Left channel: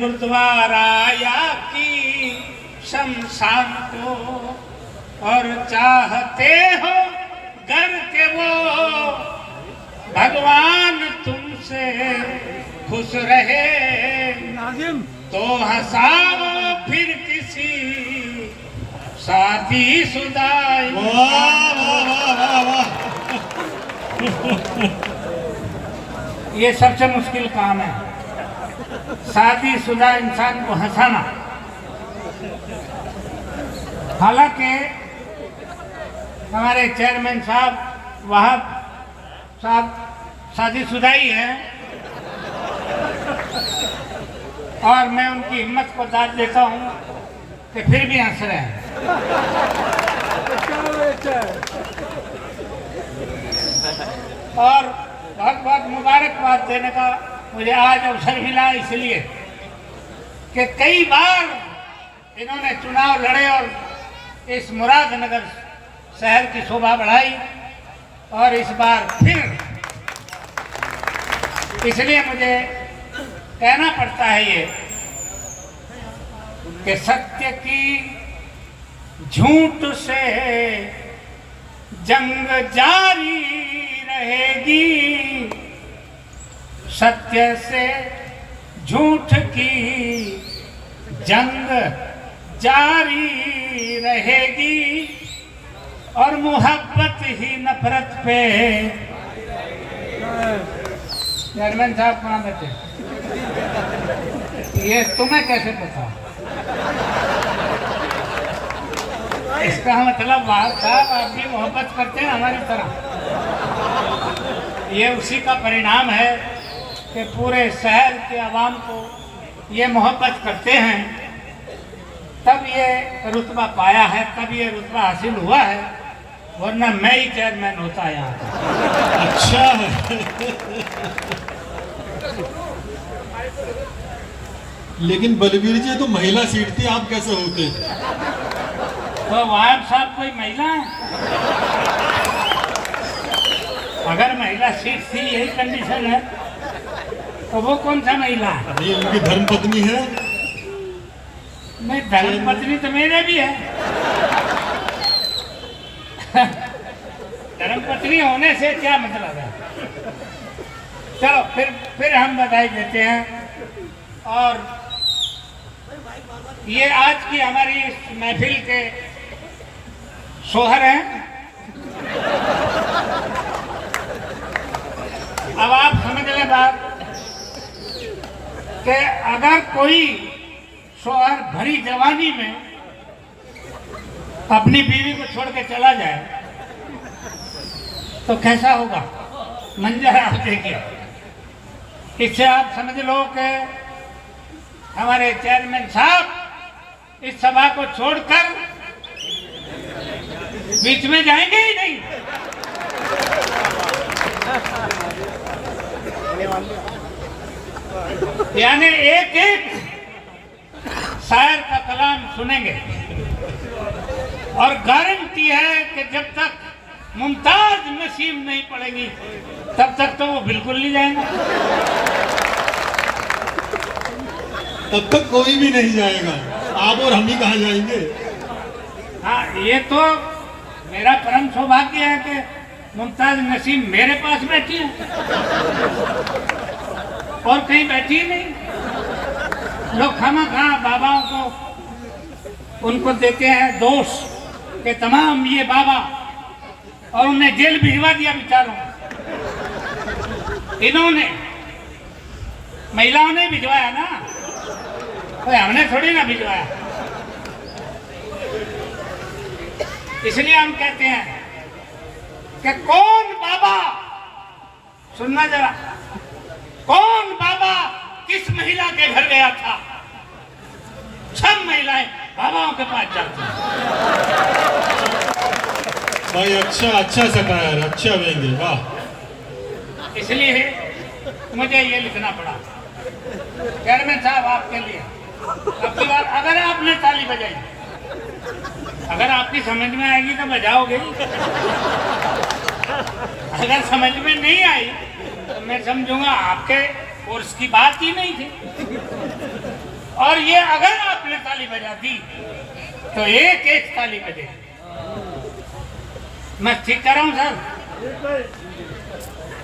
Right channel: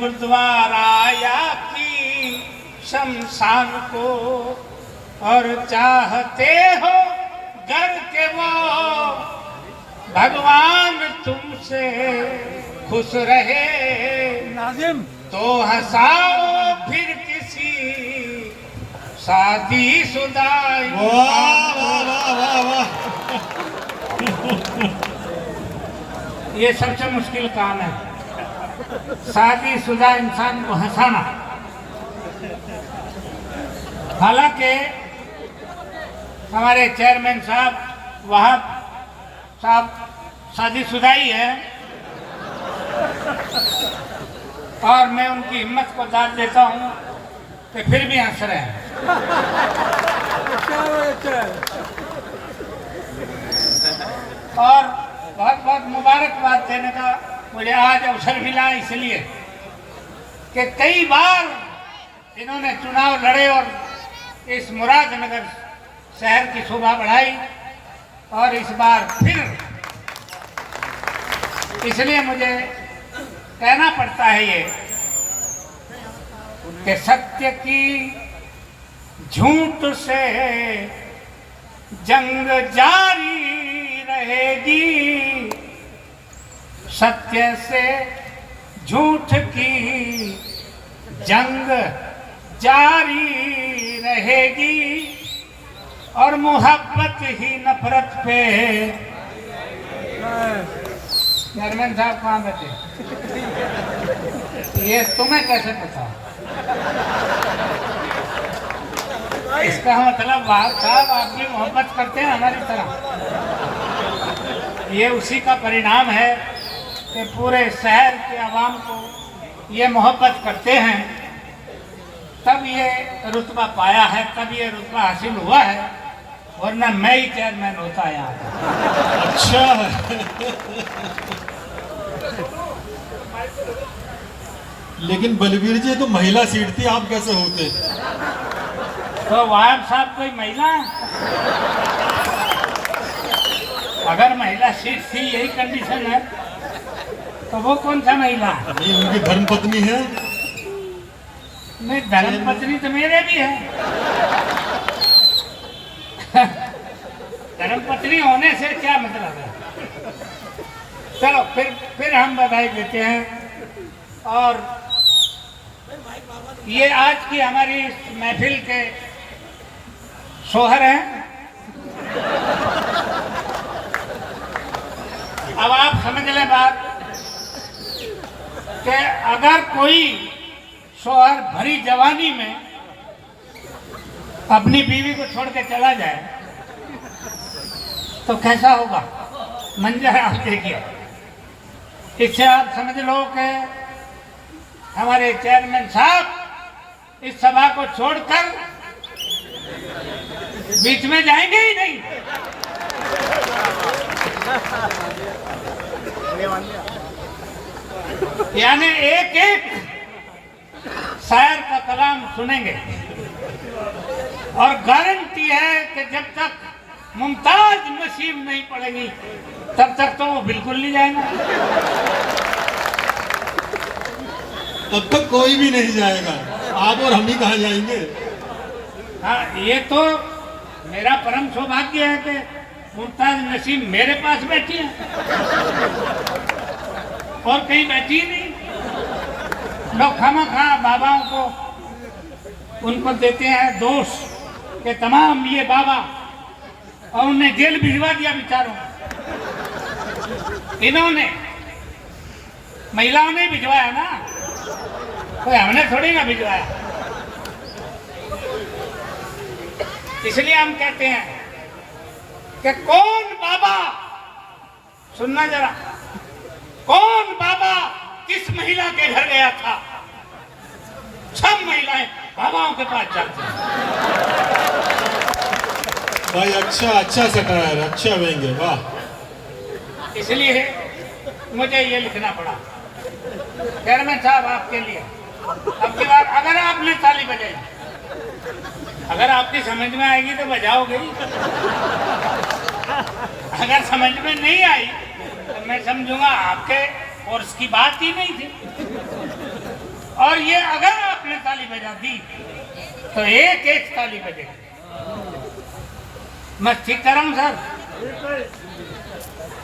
गुरुद्वारा या की शमशान को, और चाहते हो घर के वो भगवान तुमसे खुश रहे, तो हंसाओ फिर किसी शादी शुदा। ये सबसे मुश्किल काम है, शादी शुदा इंसान को हंसाना। हालांकि हमारे चेयरमैन साहब वहाब साहब शादीशुदा ही हैं, और मैं उनकी हिम्मत को दाद देता हूँ कि फिर भी हंस रहे हैं। और बहुत बहुत मुबारकबाद देने का मुझे आज अवसर मिला, इसलिए कि कई बार इन्होंने चुनाव लड़े और इस मुरादनगर शहर की शोभा बढ़ाई, और इस बार फिर इसलिए मुझे कहना पड़ता है ये कि सत्य की झूठ से जंग जारी रहेगी, सत्य से झूठ की जंग जारी रहेगी, और मोहब्बत ही नफरत पे। चेयरमैन साहब कहाँ बैठे? ये तुम्हें कैसे पता? इसका मतलब बात साहब आप भी मोहब्बत करते हैं हमारी तरह। ये उसी का परिणाम है कि पूरे शहर के आवाम को ये मोहब्बत करते हैं, तब ये रुतबा पाया है, तब ये रुतबा हासिल हुआ है, वरना मैं ही चेयरमैन होता यहाँ। अच्छा है। लेकिन बलवीर जी तो महिला सीट थी, आप कैसे होते? तो वाहब साहब कोई महिला है? अगर महिला सीट थी, यही कंडीशन है, तो वो कौन सा महिला है? ये उनकी धर्मपत्नी है। नहीं, धर्मपत्नी तो मेरे भी है। धर्मपत्नी होने से क्या मतलब है? चलो फिर हम बधाई देते हैं। और ये आज की हमारी महफिल के शोहर हैं। अब आप समझ लें बात कि अगर कोई शोहर भरी जवानी में अपनी बीवी को छोड़ के चला जाए तो कैसा होगा मंजर आप देखिए। इससे आप समझ लो कि हमारे चेयरमैन साहब इस सभा को छोड़कर बीच में जाएंगे ही नहीं। यानी एक एक शायर का कलाम सुनेंगे, और गारंटी है कि जब तक मुमताज नसीब नहीं पड़ेगी तब तक तो वो बिल्कुल नहीं जाएंगे। तब तक कोई भी नहीं जाएगा, आप और हम ही कहाँ जाएंगे? हाँ, ये तो मेरा परम सौभाग्य है कि मुमताज नसीब मेरे पास बैठी है और कहीं बैठी ही नहीं। लोग खामा बाबाओं को उनको देते हैं दोष कि तमाम ये बाबा, और उन्हें जेल भिजवा दिया बेचारों। इन्होंने महिलाओं ने भिजवाया ना, कोई हमने थोड़ी ना भिजवाया। इसलिए हम कहते हैं कि कौन बाबा, सुनना जरा, कौन बाबा किस महिला के घर गया था? सब महिलाएं बाबाओं के पास जाती हैं। भाई अच्छा से कराया, अच्छा व्यंग्य, वाह। इसलिए मुझे ये लिखना पड़ा। चेयरमैन साहब आपके लिए आपकी बात, अगर आपने ताली बजाई, अगर आपकी समझ में आएगी तो बजाओगे ही, अगर समझ में नहीं आई तो मैं समझूंगा आपके कोर्स की बात ही नहीं थी। और ये अगर आपने ताली बजा दी तो एक एक ताली बजे। मैं ठीक कर रहा हूँ सर?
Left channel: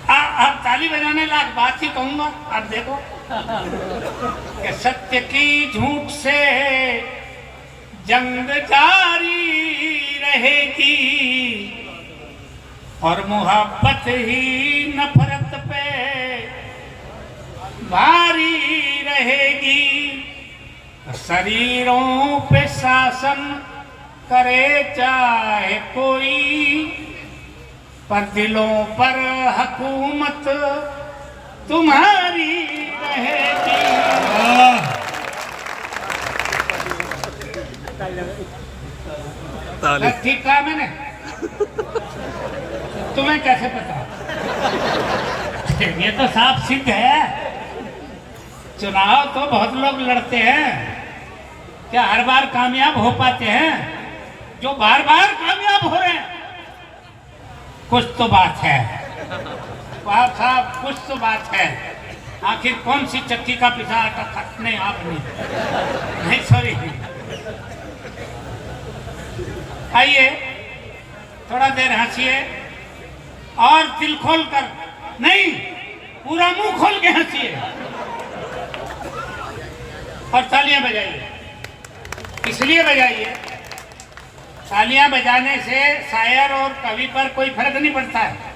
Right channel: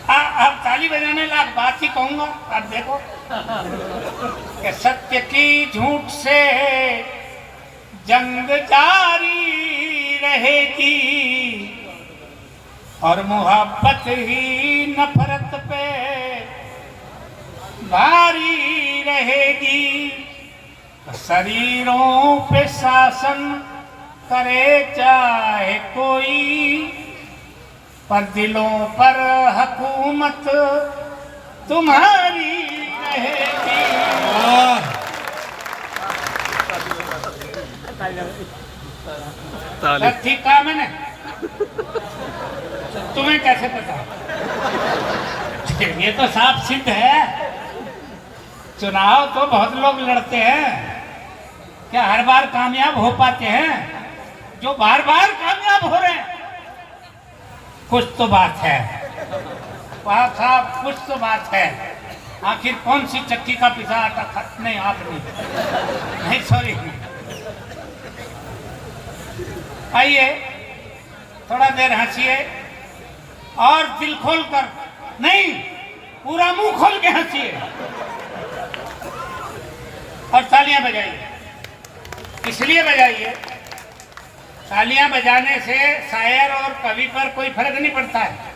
अब ताली बजाने लायक बात ही कहूंगा। आप देखो कि सत्य की झूठ से जंग जारी रहेगी और मोहब्बत ही नफरत पे भारी रहेगी। शरीरों पे शासन करे चाहे कोई, पर दिलों पर हुकूमत तुम्हारी रहेगी। ताली ठीक कहा मैंने? तुम्हें कैसे पता? ये तो साफ सिद्ध है। चुनाव तो बहुत लोग लड़ते हैं, क्या हर बार कामयाब हो पाते हैं? जो बार बार कामयाब हो रहे हैं, कुछ तो बात है साहब, कुछ तो बात है। आखिर कौन सी चक्की का पिसा आटा खा? नहीं, आप नहीं, सॉरी। आइए थोड़ा देर हंसिए और दिल खोल कर, नहीं पूरा मुंह खोल के हंसिए और तालियां बजाइए। इसलिए बजाइए, तालियां बजाने से शायर और कवि पर कोई फर्क नहीं पड़ता है।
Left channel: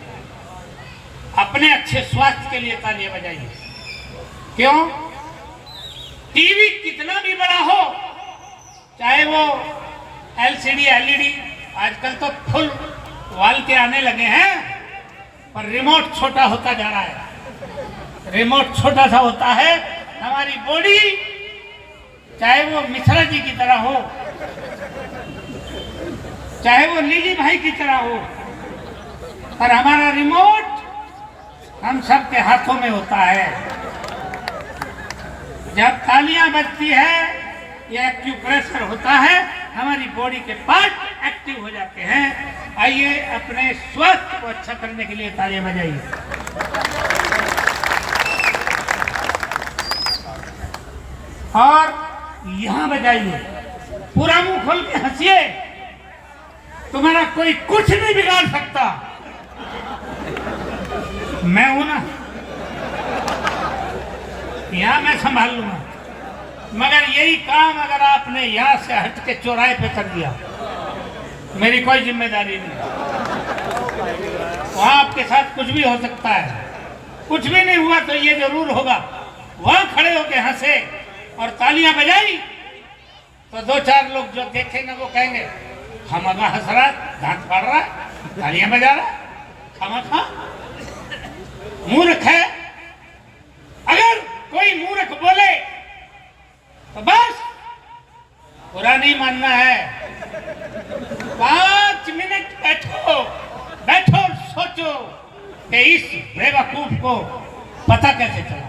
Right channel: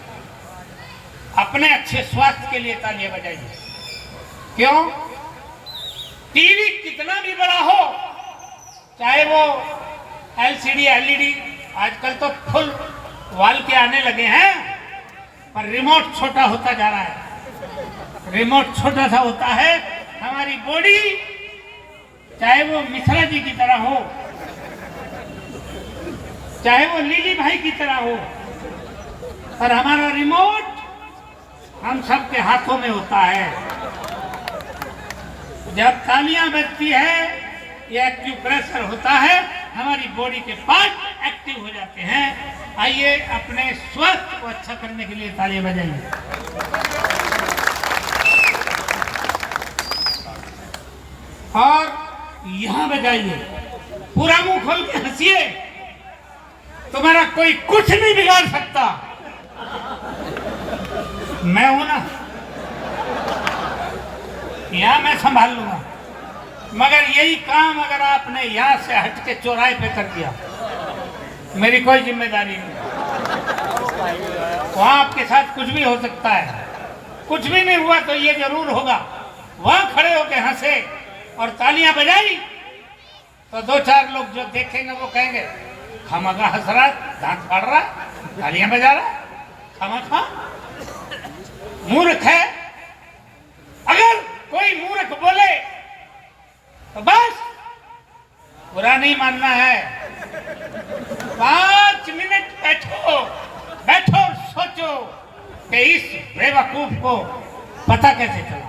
अपने अच्छे स्वास्थ्य के लिए तालियां बजाइए। क्यों? टीवी कितना भी बड़ा हो, चाहे वो एलसीडी एलईडी, आजकल तो फुल वाल के आने लगे हैं, पर रिमोट छोटा होता जा रहा है। रिमोट छोटा सा होता है। हमारी बॉडी चाहे वो मिश्रा जी की तरह हो, चाहे वो लीली भाई की तरह हो, पर हमारा रिमोट हम सब के हाथों में होता है। जब तालियां बजती है या एक्यूप्रेशर होता है, हमारी बॉडी के पार्ट एक्टिव हो जाते हैं। आइए अपने स्वास्थ्य को अच्छा करने के लिए तालियां बजाइए। और यहां बजाइए, पूरा मुंह खोल के हंसिए। तुम्हारा कोई कुछ नहीं बिगाड़ सकता। मैं हूं ना, यहां मैं संभाल लूंगा। मगर यही काम अगर आपने यहां से हट के चौराहे पे कर दिया, मेरी कोई जिम्मेदारी नहीं। वहां आपके साथ कुछ भी हो सकता है। कुछ भी नहीं हुआ तो ये जरूर होगा, वहां खड़े होके हंसे और तालियां बजाई तो दो चार लोग जो देखेंगे वो कहेंगे, हम अगर हंस रहा, दांत फाड़ रहा, तालियां बजा रहा, खामा मूर्ख है। अगर कोई मूर्ख बोले तो बस बुरा नहीं मानना है। 5 मिनट बैठो और सोचो कि इस बेवकूफ को पता कैसे चला।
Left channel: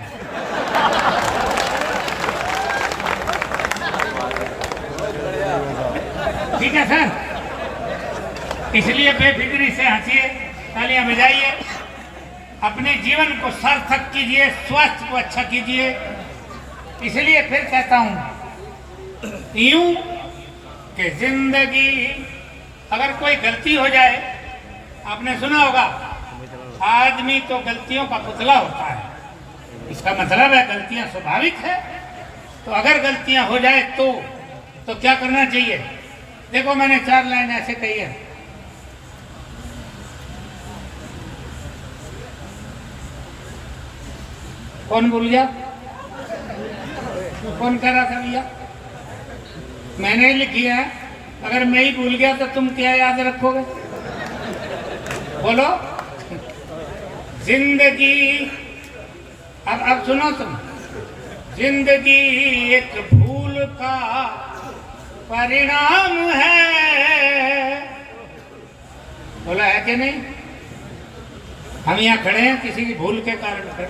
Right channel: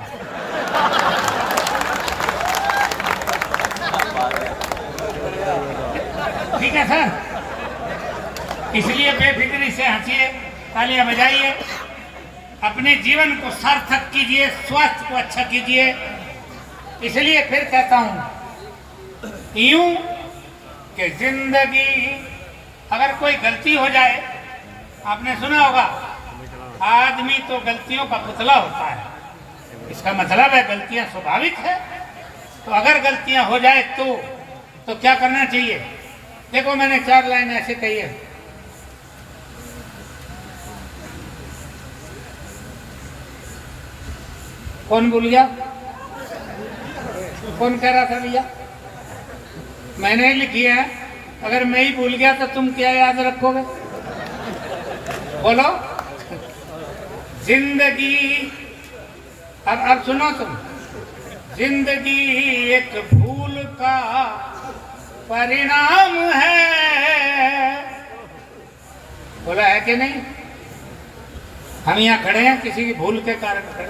ठीक है सर? इसलिए बेफिक्री से हंसिए, तालियां बजाइए, अपने जीवन को सार्थक कीजिए, स्वास्थ्य को अच्छा कीजिए। इसलिए फिर कहता हूं यूं कि जिंदगी, अगर कोई गलती हो जाए, आपने सुना होगा आदमी तो गलतियों का पुतला होता है। इसका मतलब है गलतियां स्वाभाविक है। तो अगर गलतियां हो जाए तो क्या करना चाहिए? देखो मैंने 4 लाइन ऐसे कही है। कौन भूल गया? कौन कह रहा था भैया? मैंने लिखी है। अगर मैं ही भूल गया तो तुम क्या याद रखोगे? बोलो। जिंदगी, अब सुनो तुम। जिंदगी एक भूल का परिणाम है। बोला है कि नहीं? हम यहाँ खड़े हैं किसी की भूल के कारण खड़े।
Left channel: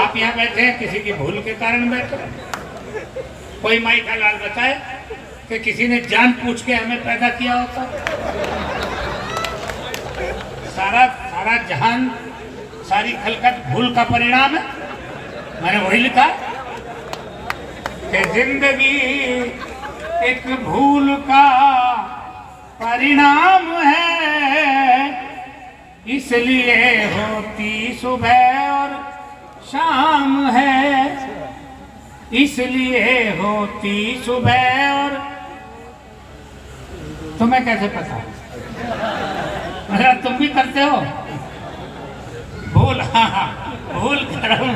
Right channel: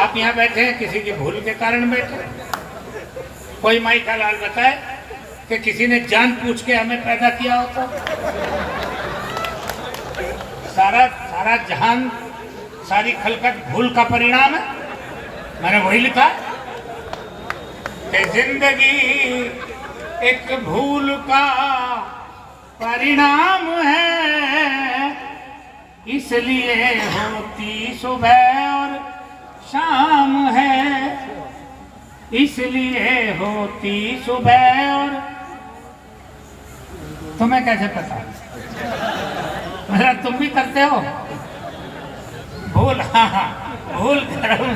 आप यहाँ बैठे हैं किसी की भूल के कारण बैठे। कोई माई का लाल बताए कि किसी ने जान पूछ के हमें पैदा किया होता। सारा जहान, सारी खलकत भूल का परिणाम है। मैंने वही लिखा है। कि जिंदगी एक भूल का परिणाम है, इसलिए होती सुबह और शाम है, इसलिए होती सुबह और। तुम्हें कैसे पता? मेरा तुम भी करते हो भूल? हाँ, भूल करो।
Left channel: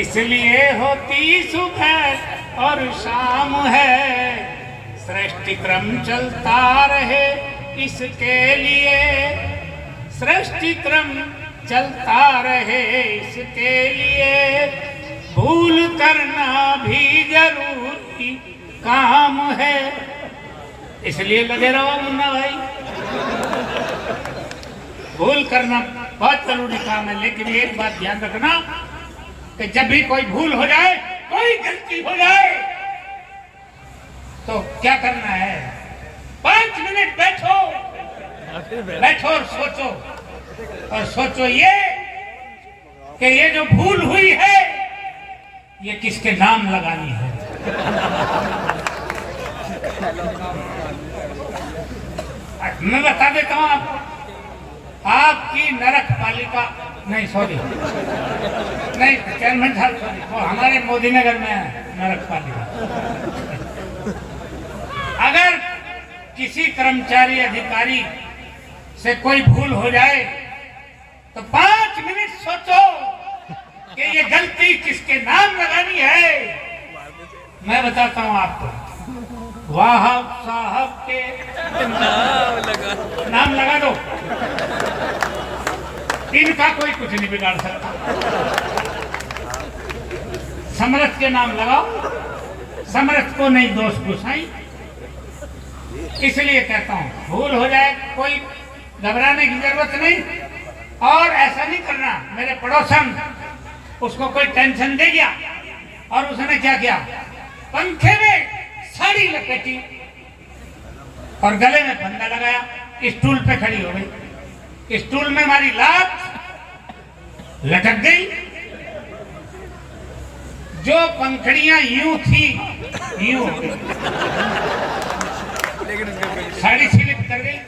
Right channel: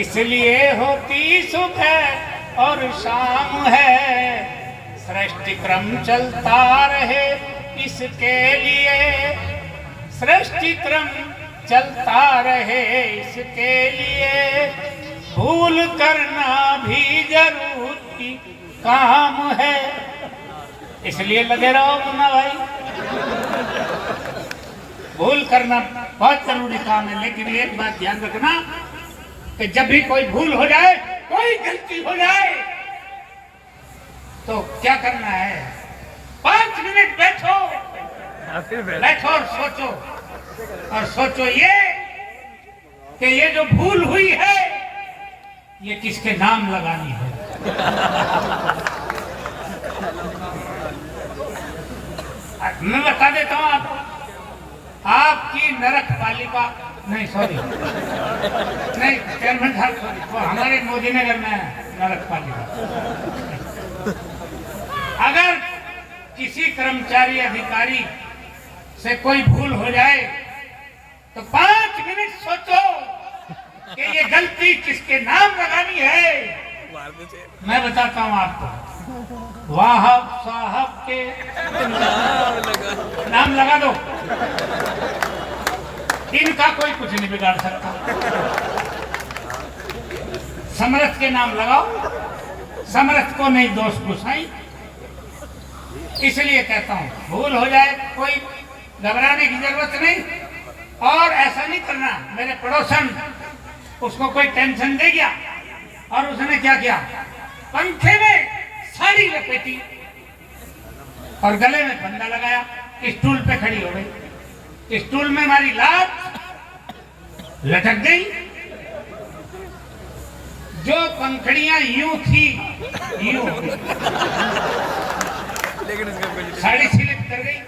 इसलिए होती सुबह और शाम है, सृष्टि क्रम चलता रहे इसके लिए, सृष्टि क्रम चलता रहे इसके लिए, भूल करना भी जरूरी काम है, इसलिए लगे रहो मुन्ना भाई। भूल करना बहुत जरूरी काम है, लेकिन एक बात ध्यान रखना कि जब भी कोई भूल हो जाए, कोई गलती हो जाए, तो क्या करना है? 5 मिनट बैठो, बैठो और सोचो, और सोचो ये कि ये जो भूल हुई है ये किसके नाम लगानी है। मैं बता देता हूं आपको, आपकी नरक पालिका, नहीं सॉरी, नहीं चेयरमैन साहब सॉरी, वो हमारे मोदी नगर में है नरक पालिका। अगर किसी कर्मचारी अधिकारी से कोई भूल हो जाए तो 5 मिनट सोचो कि ये गलती किसके नाम लगानी है। मैं बताता हूं आपको, वाह साहब के नाम लगा दो, इनका कोई कुछ नहीं बिगाड़ सकता। समरथ के नाम लगाओ, समरथ को नहीं दोष घुसाई। इसलिए कहता हूं, भूल हो जाए कोई घबराने की जरूरत नहीं, और ऐसा नहीं करना। मेरे पड़ोसन, उसको कोई टेंशन दे गया और उसने क्या किया, पंखे में साड़ी लपेटी और गले में फंदा लगाया, स्टूल पे खड़ी हो गई, स्टूल में हमारी लात लटक गई, जो पंखड़ियां यूं थी यूं हो गई, साड़ी स्लिप कर गई,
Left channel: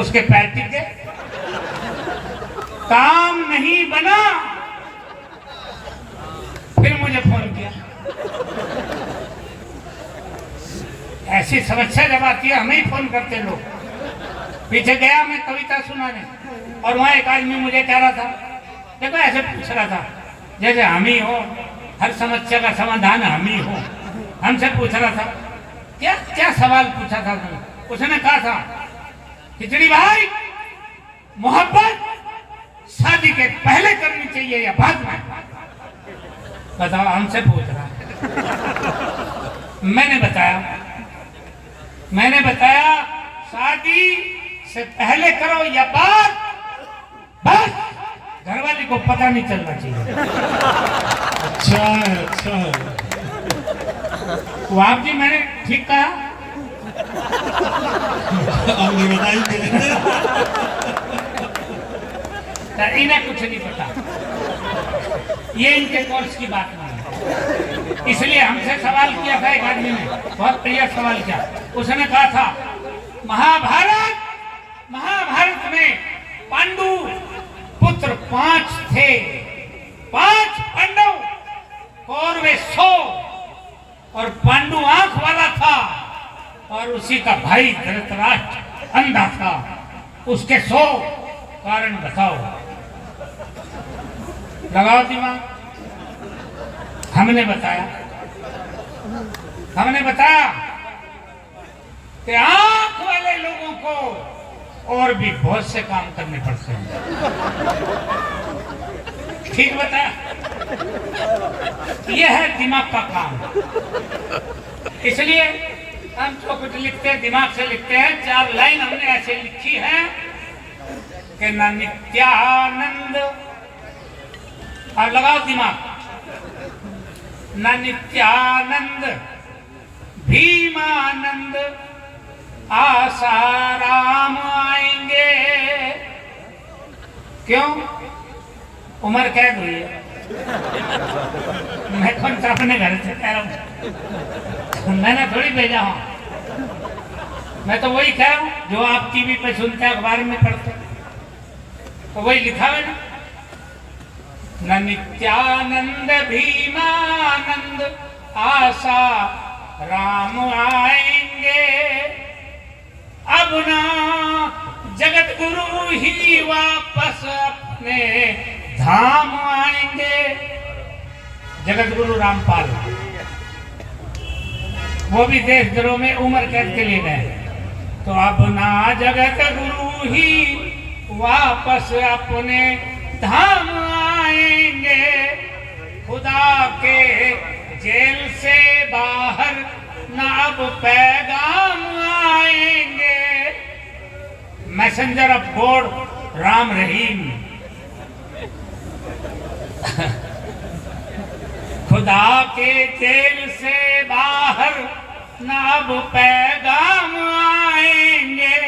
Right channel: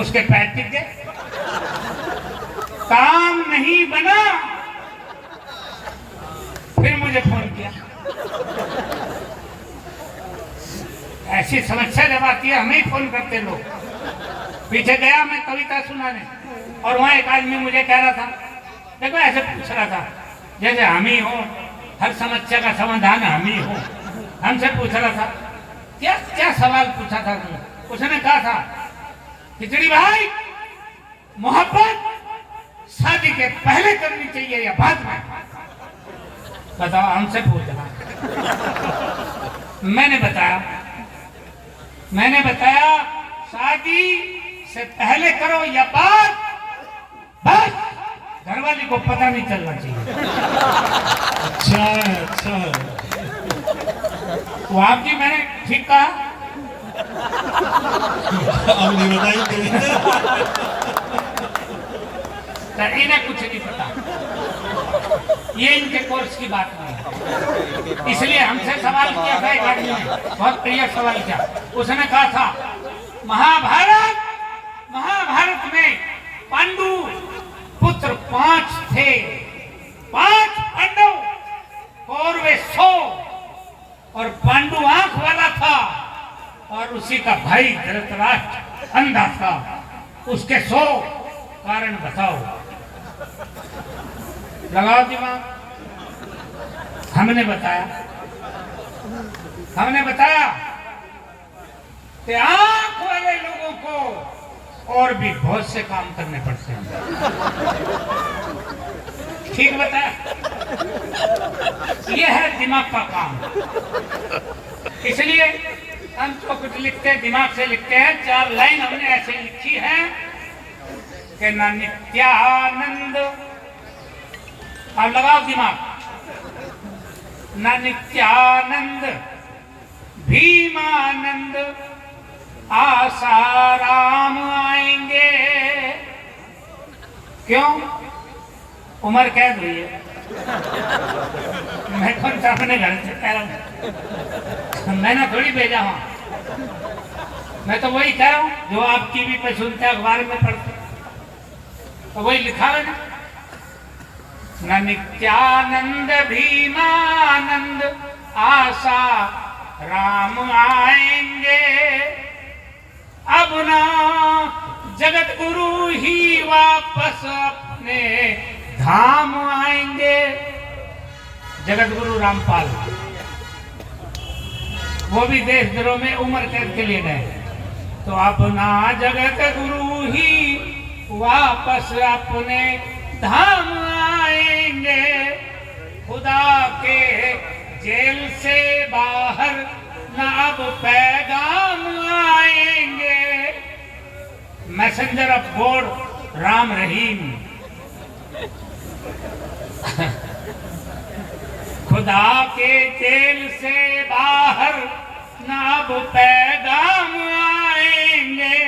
उसके पैर टिक गए, काम नहीं बना। फिर मुझे फोन किया, ऐसी समस्या जब आती है हमें ही फोन करते लोग। पीछे गया मैं कविता सुनाने, और वहां एक आदमी मुझे कह रहा था, देखो ऐसे पूछ रहा था जैसे हम ही हो, हर समस्या का समाधान हम ही हो। हमसे पूछ रहा था, क्या क्या सवाल पूछा था तुम? उसने कहा था, खिचड़ी भाई, मोहब्बत शादी के पहले करनी चाहिए या बाद में? बताओ, हमसे पूछ रहा। मैंने बताया शादी से पहले करो या बाद, बस घरवाली को पता नहीं चलना चाहिए। अच्छा, वो आप जी मैंने ठीक कहा? अब नहीं बताइए। इन्हें कुछ नहीं पता, ये इनके कोर्स की बात नहीं है। इसलिए हमसे सवाल किया था एक आदमी ने, बहुत प्रिय सवाल किया। उसने कहा था, महाभारत में पांडु पुत्र 5 थे, 5 पांडव, कौरवे 100, और पांडु आंख वाला था और उसी का भाई धृतराष्ट्र अंधा था। उसके 100 कारण बताओ, लगाओ दिमाग। हमने बताया कि आंख वाले लोगों को और भी बहुत से काम करने पड़ते हैं। ठीक बताया? यह है दिमाग का काम। इसलिए हम जो कुछ लिखते हैं दिमाग से लिखते हैं। 4 लाइन हमने ऐसे लिखी है कि न नित्यानंद, अब लगाओ दिमाग, न नित्यानंद, भीमानंद, आसाराम आएंगे। क्यों? उम्र कैद हुई है, मैं कौन सा अपने घर से कह रहा हूँ, मैंने थोड़ी भेजा हूँ। मैं तो वही कह रहा हूँ जो आप टीवी पे सुनते हैं, अखबार में पढ़ते हैं, तो वही लिखा है ना। न नित्यानंद भीमानंद आशा राम आएंगे, अब ना जगत गुरु ही वापस अपने धाम आएंगे। जगत गुरु रामपाल, वो भी देशद्रोह में उम्र कैद के लिए गए। तो अब ना जगत गुरु ही वापस अपने धाम आएंगे, खुदा के जेल से बाहर न अब पैगाम आएंगे। Messenger of God Ram Rahim, खुदा के जेल से बाहर न अब पैगाम आएंगे।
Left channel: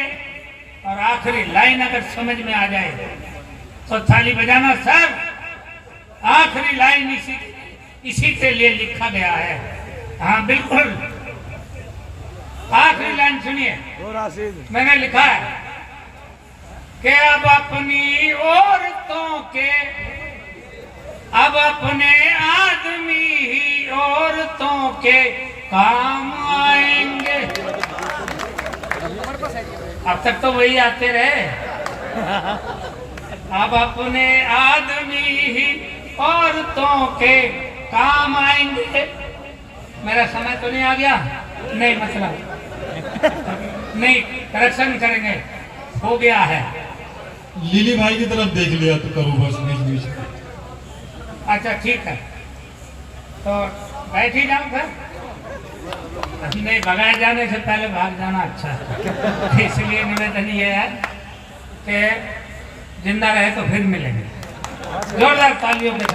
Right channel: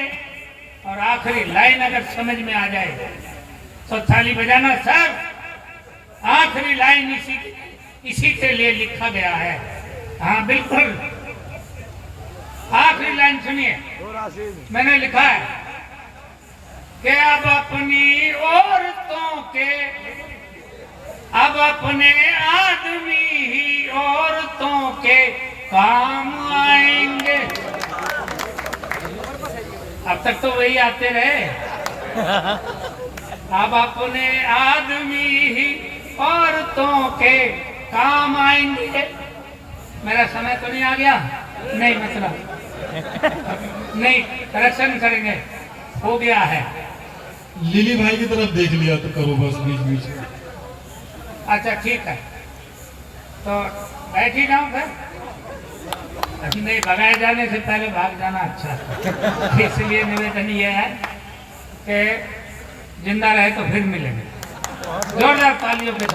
और आखिरी लाइन अगर समझ में आ जाए तो थाली बजाना सर। आखिरी लाइन इसी के लिए लिखा गया है। हाँ बिल्कुल, आखिरी लाइन सुनिए, मैंने लिखा है कि अब अपनी औरतों के, अब अपने आदमी ही औरतों के काम आएंगे। अब तक तो वही आते रहे। अब अपने आदमी ही औरतों के काम आएंगे। मेरा समय तो नहीं आ गया? नहीं, मतलब नहीं, करेक्शन करेंगे, हो गया है। लिली भाई की तरफ देख लिया तो करो बस बीच बीच में। अच्छा ठीक है, तो बैठ ही जाऊँ फिर? नहीं, भगाए जाने से पहले भाग जाना अच्छा। इसलिए निवेदन ये है कि जिंदा रहे तो फिर मिलेंगे। जोरदार तालियों के साथ।